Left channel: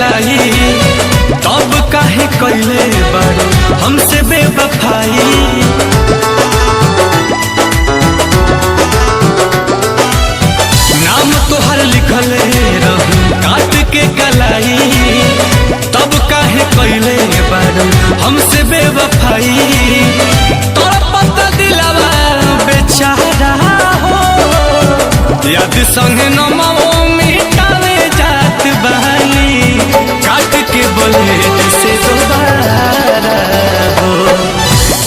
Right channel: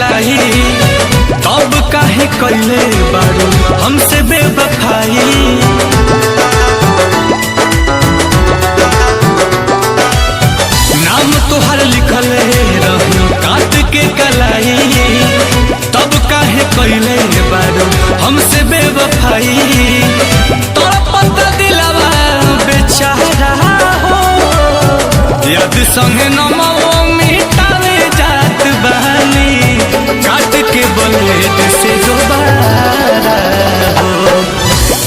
कलाई, तब काहे कैले बारू हमसे बेवफाई। नाम तोहर लिखले रही काट के कलाई, तब काहे कैले बारू हमसे बेवफाई। तड़पता दिलवा बेचारा हो, याद संगे नमो मिटावे जात बहानी, काट के ब्लेड से दोबारा हो।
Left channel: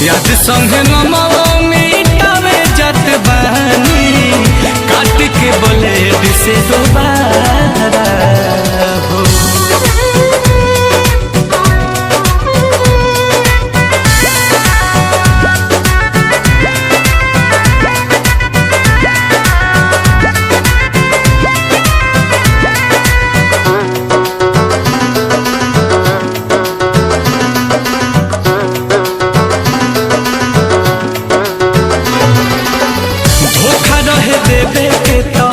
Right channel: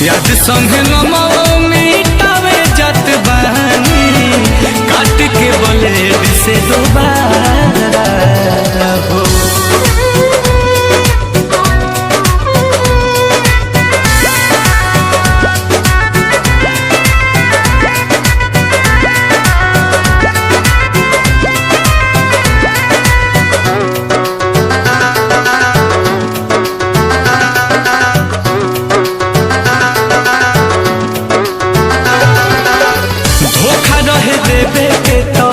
याद संगे नमो मिटावे जात बहानी, काट के ब्लेड से दोबारा हो। धोखा रहे देवे के तो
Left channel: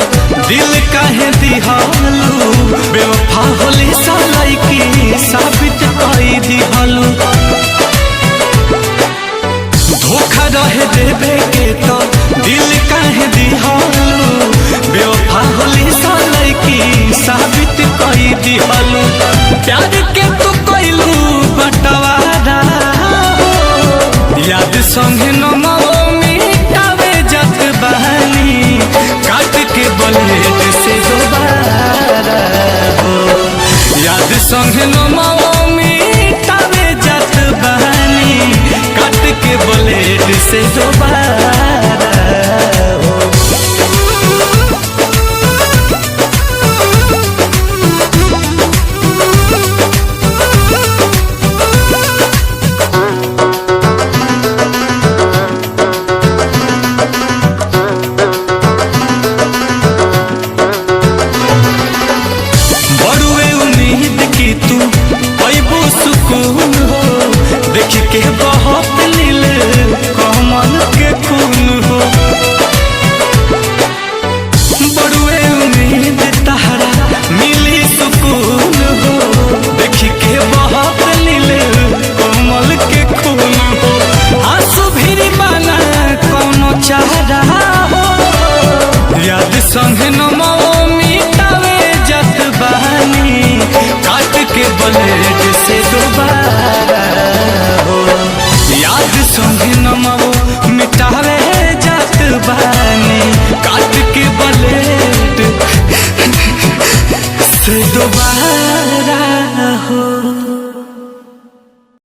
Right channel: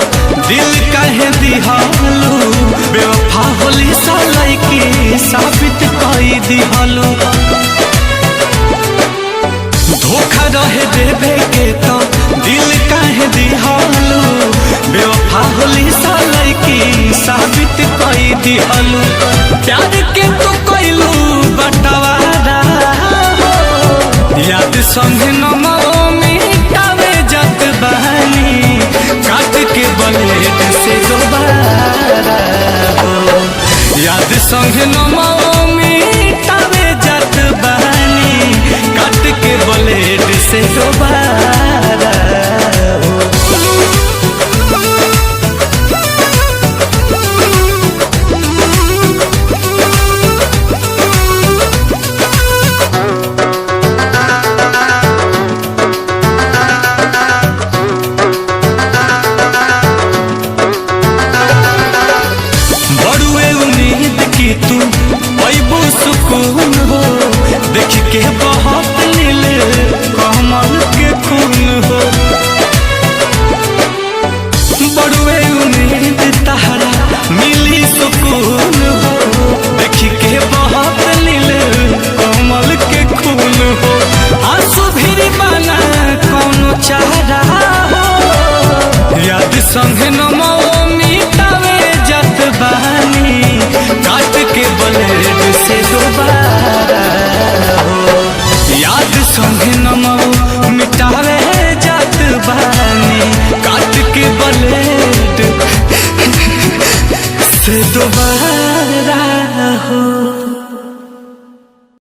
दिल काहे दिहालू, बेवफा होली सालाई की साबित कई दिहालू। धोखा रहे देवे के तो दिल काहे दिहालू, बेवफा होली सालाई की साबित कई दिहालू। प्यार के तू कैलू बंटवारा हो, याद संगे नमो मिटावे जात बहानी, काट के ब्लेड से दोबारा हो। याद संगे नमो मिटावे जात बहानी, काट के ब्लेड से दोबारा हो। बड़ुए उम्मीद की तू पैबू सुकून हो, देख के बहुत नील कमल के खून हो। बड़ुए उम्मीद तहरा मिली सुकून हो, देख के बहुत नील कमल के खून हो। आंसू भी बना कौनो चारा हो, याद संगे नमो मिटावे जात बहानी, काट के ब्लेड से दोबारा हो। याद संगे नमो मिटावे जात बहानी, काट के ब्लेड से दोबारा